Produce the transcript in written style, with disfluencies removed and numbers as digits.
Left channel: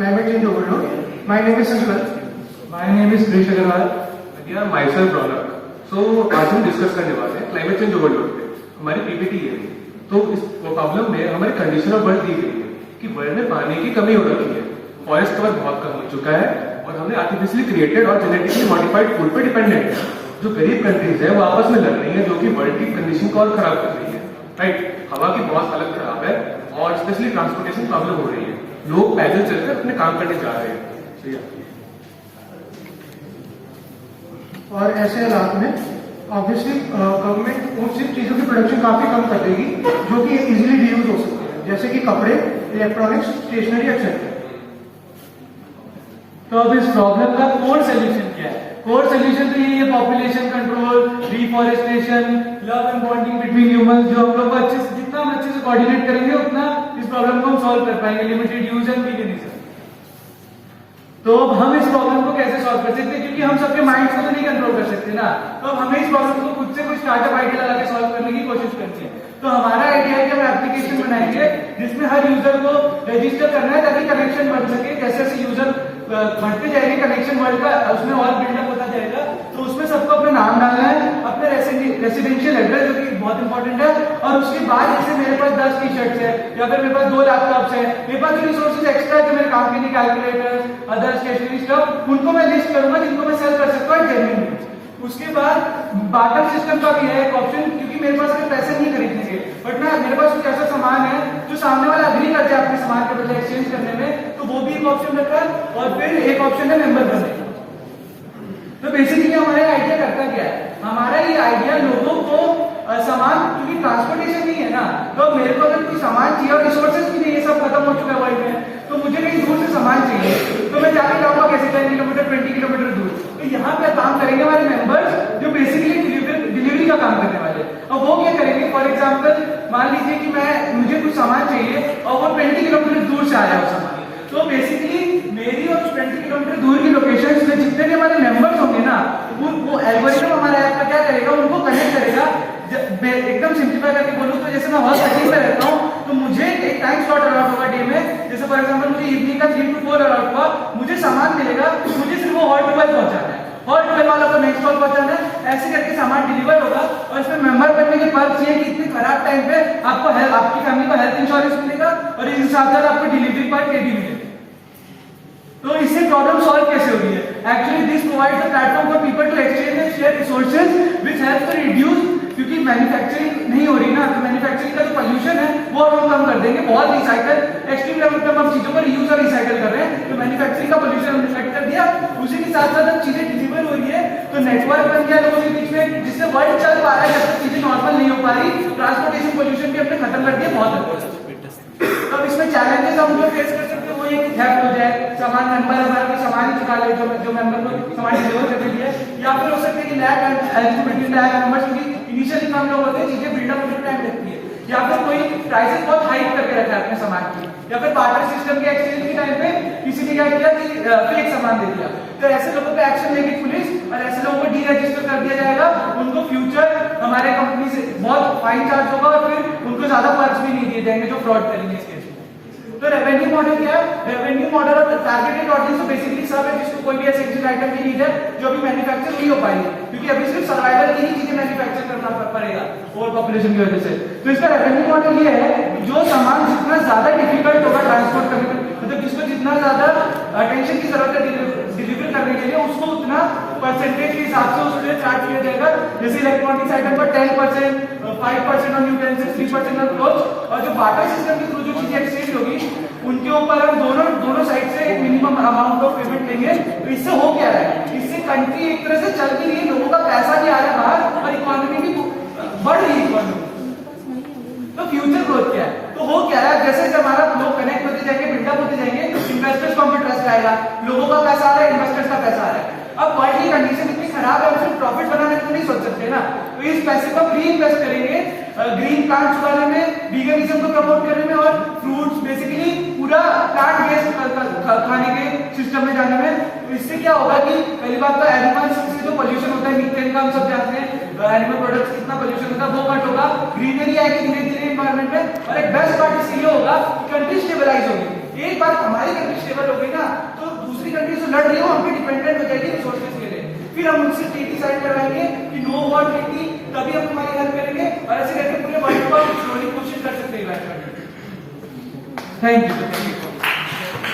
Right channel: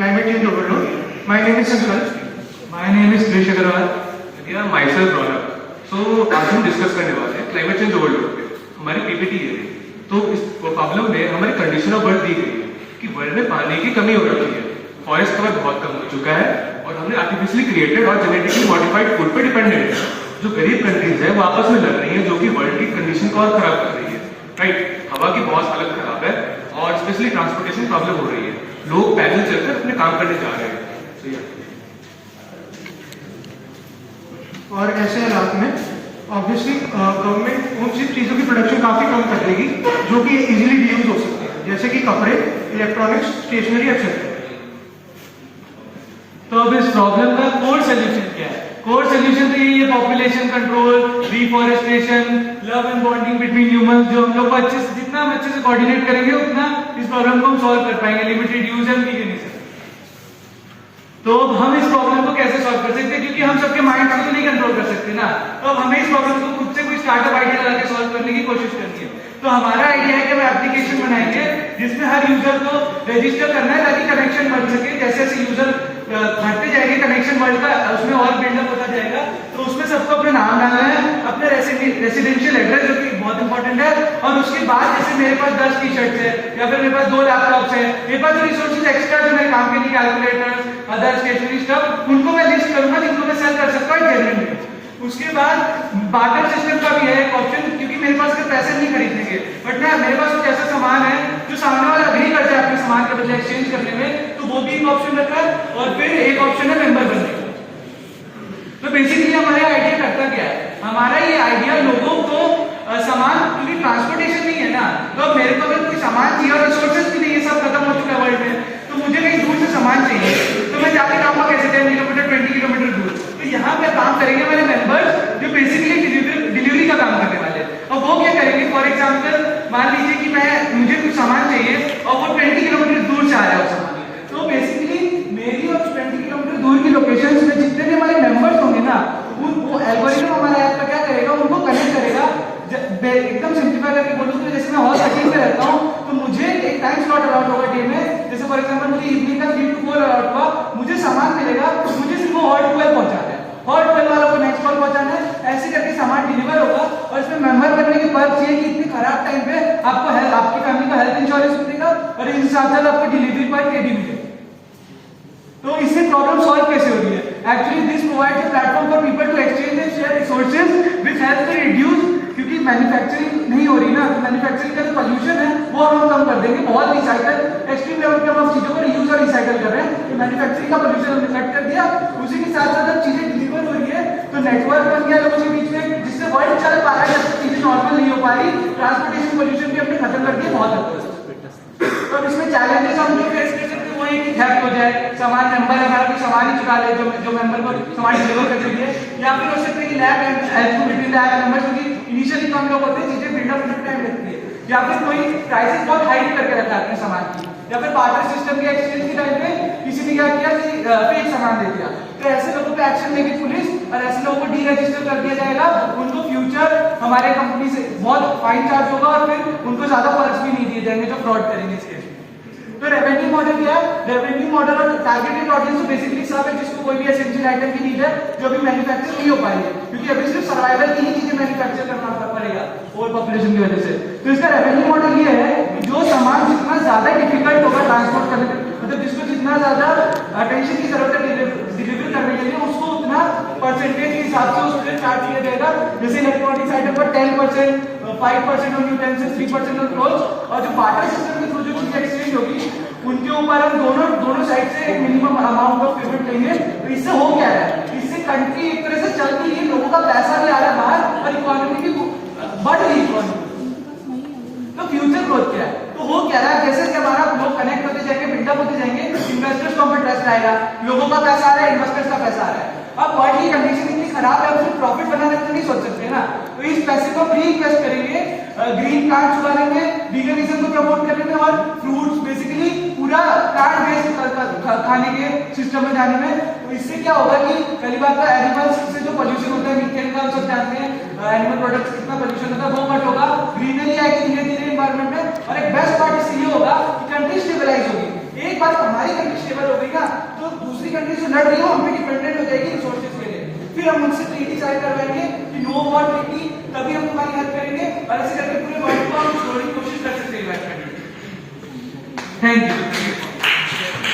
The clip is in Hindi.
climate change overload. My name is Sankalp. My name is Krish Agarwal. मेरा myself Ronak. So आज हम डिस्कस करने वाले हैं क्लाइमेट चेंज ओवरलोड पे. हमारी पीपीटी है. तो इस प्रॉब्लम में हमारी कंडीशन ऑफ बर्थ दी गई है कि वर्ल्ड में पानी की कमी हो रही है. फॉरेस्ट कवर बहुत कम हो चुका है और हमने आर्टिफिशियली क्रिएटेड और जेनेटिकली मॉडिफाइड फूड पे डिपेंडेंट है. जो गरीब कंट्रीज है वो आपस में लड़ रही है जो कि वर्ल्ड की कंडीशन को और खराब कर रही है. राइट, हवा की बहुत हालत खराब है और स्पेशली ट्रांसपोर्टेशन प्रॉब्लम हो रही है. लोग पैदल चलकर अपने काम करने जा रहे हैं. So, yeah. और ऐसे हालात में ऑब्वियसली गवर्नमेंट उन सी चीज़ों की प्रोडक्शन काफ़ी कम कर देगी जो कि इजीली रीयूज हो सकती है, जैसे कि कपड़े, इलेक्ट्रॉनिक्स, स्टेशनरी एक्सेट्रा. तो अब इस प्रॉब्लम का कोर सोल्यूशन क्या है? कोर सोल्यूशन तो यही है, population control, reforestation, love and bonding between humans. जो हम लोग जितना हम अच्छे से कोऑर्डिनेट करेंगे उतना इस प्रॉब्लम को हम सॉल्व कर पाएंगे. Limited use and veganism. तो अब हम इस प्रॉब्लम को कैसे सॉल्व कर सकते हैं? क्योंकि हम सबके माइंड को तो नहीं कंट्रोल कर सकते ना. तो अब हमें इस प्रॉब्लम को खुद से कोई स्टार्टअप आइडिया लगा के सॉल्व करने की कोशिश करनी है. तो हमारा आइडिया है कि हम एप्लीकेशन बनाएंगे जिसमें हर यूजर को रजिस्टर करना है ताकि कनेक्शन बढ़ सके. जैसे जैसे यूजर बढ़ते जाएंगे कनेक्शन बढ़ेगा, उसमें और बिल्डअप होता जाएगा. तो उसमें सबको अपना नाम डालना है, अपना रेसिडेंशियल एड्रेस जो कि बहुत इंपॉर्टेंट है. और उसके बाद जैसे मेरे पास 10 टी शर्ट्स है या फिर मेरे पास 2 लैपटॉप्स है, मेरे पास जो रिसोर्सेज एक्स्ट्रा जो मेरे काम के लिए कैलकुलेटर्स, अदर स्टेशनरी स्टफ, उनको मैं लिस्ट करूंगा जिनको मैं सेल कर सकता हूँ जेन्युइन रेट. उसके बाद बार्टर सिस्टम का भी है एक ऑप्शन, क्योंकि मेरे पास अगर पैसे नहीं खरीदने के बट ना मेरे पास कुछ ऐसा सामान है जो सामने वाला एग्री कर जाए अपने सामान के बदले एक्सचेंज करने में, तो वो भी एक ऑप्शन रखा है. और फिर एक ऑप्शन है मेंबर बनने का. तो बेसिकली हमारा आइडिया करता क्या है? हमारा ये आइडिया लोगों को सामान, क्योंकि ट्रांसपोर्टेशन नहीं है ना, तो अब मेरे को अगर कोई सामान चाहिए और रिसोर्सेज भी नहीं, ये सब खत्म हो चुका है वर्ल्ड में, तो मुझे कहीं दूर से सामान चाहिए तो मैं जाके जाऊंगा कैसे 10 किलोमीटर 20 किलोमीटर दूर. तो यहाँ पे काम करेंगे हमारे मेंबर्स जो बेसिकली डिलीवरी का काम करने वाले. और वो क्या करेंगे? फॉर एग्जाम्पल मान लीजिए कि मुझे कुछ सामान चाहिए और वो 20 किलोमीटर दूर से आ रहा है. तो बेसिकली मेरी और 20 किलोमीटर दूर की लोकेशन में जितने भी हमारे मेंबर्स होंगे ना, वो एल्गोरिथम हमारा ऐप का क्या करेगा? उनको कनेक्ट करेगा. एकदम सिंपल करके बोलूं तो जैसे मैं हॉल सिटी में रहता हूँ तो मुझे एक टाइम स्लॉट अलॉट होगा डे में. जैसे फॉर एग्जांपल मुझे इवनिंग का 3 to 4 अलॉट हुआ, मुझे सामान मिलेगा, मुझे सिर्फ वो हॉल 12 पहुंचाना है, हॉल 12 वाला को नेक्स्ट हॉल पहुंचाना है. ऐसे करके सामान डिलीवर होगा. और इसमें मेंबर बनने के पर्क्स ये कि इतने खराब टाइम पे आपको आपकी फैमिली को हेल्थ इंश्योरेंस मिलेगा और इस हिसाब से आपको डिलीवरी पर के भी मिलेगा. तो इससे प्रॉब्लम सॉल्व कैसे हो रही है? Actually this provides a platform for people to exchange and share resources which help to reduce. क्योंकि मैन्युफैक्चरिंग नहीं हो रही ना, तो मैन्युफैक्चरिंग का जो पोल्यूशन है वो हम कम कर देंगे. बहुत रिसाइकल एक्सट्रीम लेवल पे हम चीजों को रीयूज और रिसाइकल कर रहे हैं. तो मैन्युफैक्चरिंग का पोल्यूशन हमने कट कर दिया. उसी के साथ साथ अब चीजें डिलीवर हो रही है तो नेटवर्क बन गया लोगों के बीच में, जिससे वर्ल्ड चल पा रहा है. चीजें नॉर्मल नहीं हो पा रही. ट्रांसपोर्टेशन पोल्यूशन भी हमने खत्म कर दिया बहुत हद तक. तो इसमें चैलेंजेस हम जो फेस कर सकते हैं वो ये कि हैक हो जाए, सामान मेंबर हमारा कोई सामान ही चुरा ले जो मेंबर को सामान डिलीवर करके दिए, या फिर हो सकता है कि lab and health between lab members, क्योंकि इनिशियली कम लोग होते हैं, चीजें बिल्डअप होने में टाइम लगती है, या फिर कोई प्राइसेस बहुत हाई करके रखा है अपने सामान की, या फिर बार्टर सिस्टम के एक्सचेंज के टाइम पे किसी ने क्या किया कि फेक सामान दे दिया. तो ऐसे लोगों पे एक्शन लेगी पुलिस और ऐसे लोगों को डीरजिस्टर कर दिया जाएगा. उनको फ्यूचर हमारे कंपनी से बहुत फाइन चार्ज होगा और फिर उनको ज्यादा पर्क्स भी नहीं दिए जाएंगे जो फ्रॉड करेंगे इस केस में. तो रेवेन्यू मॉडल क्या है? रेवेन्यू मॉडल और टारगेटेड ऑडियंस तो बेसिकली सब है जिसको कोई भी एसेंशियल आइटम की नीड है जो अभी मैन्युफैक्चर नहीं हो पाएंगे, क्योंकि अभी सिर्फ सर्वाइवल की ही चीजें मैन्युफैक्चर करना पड़ेगा ओवर पॉपुलेशन की वजह से. तो इसका रेवेन्यू मॉडल ये है कि जो सामान जितना ज्यादा डिफिकल्ट होगा ट्रांसपोर्ट करने में, मतलब जिसको जितना ज्यादा अटेंशन की जरूरत है डिलीवर करने के लिए, उसको उतना परसेंटेज के हिसाब से उस पर चार्ज किया जाएगा. जैसे इलेक्ट्रॉनिक्स आइटम पर 10%, 5% ऑन यूटेंसिल्स, 3% ऑन क्लोथ्स. और जो बार्टर सिस्टम के थ्रू जो चीजें एक्सचेंज होगी उनके ऊपर हम दोनों साइड से एक मिनिमम अमाउंट ऑफ पेमेंट लेंगे. तो इससे हो क्या रहा है? इससे कंट्री एक तरह से चल रही है, लोगों का पैसा भी आ रहा है बाहर और इकोनॉमी भी बढ़ रही है इकोनॉमी. तो फ्यूचर ग्रोथ क्या है? तो हो क्या रहा है? जैसे हमारा लोग कनेक्ट होते जाएंगे, बिल्डअप होते जाएंगे, इन्वेस्टर्स को हमें ट्रस्ट आएगा, लोगों का पैसा आ रहा है, इन्वेस्टर्स का पैसा आ रहा है. अब वर्ल्ड की कंडीशन इतनी खराब है, उसमें प्रॉफिट बनाने तो नहीं सोच सकते ना. तो इस पैसे को री इन्वेस्ट करेंगे ग्रीन प्लांट्स उगाने में, वीगनिज्म को प्रमोट करने में और फ्रूट्स बेसिकली पूरा प्लांट बेस्ड खाने के सिस्टम में जाने में. तो इससे क्या होगा कि पहली बात तो एनिमल्स से जो पोल्यूशन होता है, मीथेन का हम सब जानते हैं, एनिमल प्रोडक्ट्स कितना पोल्यूशन होता है वो कट होगा, ग्रीनरी आएगी धीरे धीरे एनवायरमेंट में. और एक बेस्ट पार्ट इससे ये होगा कि कंट्री स्टेबलाइज होगी. एक बार हमारी कंट्री स्टेबल हो गई ना, तो दूसरी कंट्री जो लड़ रही है वो हम पे डिपेंडेंट हो जाएगी रिसोर्सेज के लिए। फिर हम उनसे ट्रीटी साइन करवाएंगे कि नो वॉर ट्रीटी, तभी हम तुम्हारी हेल्प करेंगे, और ऐसे करके पूरे वर्ल्ड को हम छोड़ने की कोशिश कर सकते हैं। Thank you.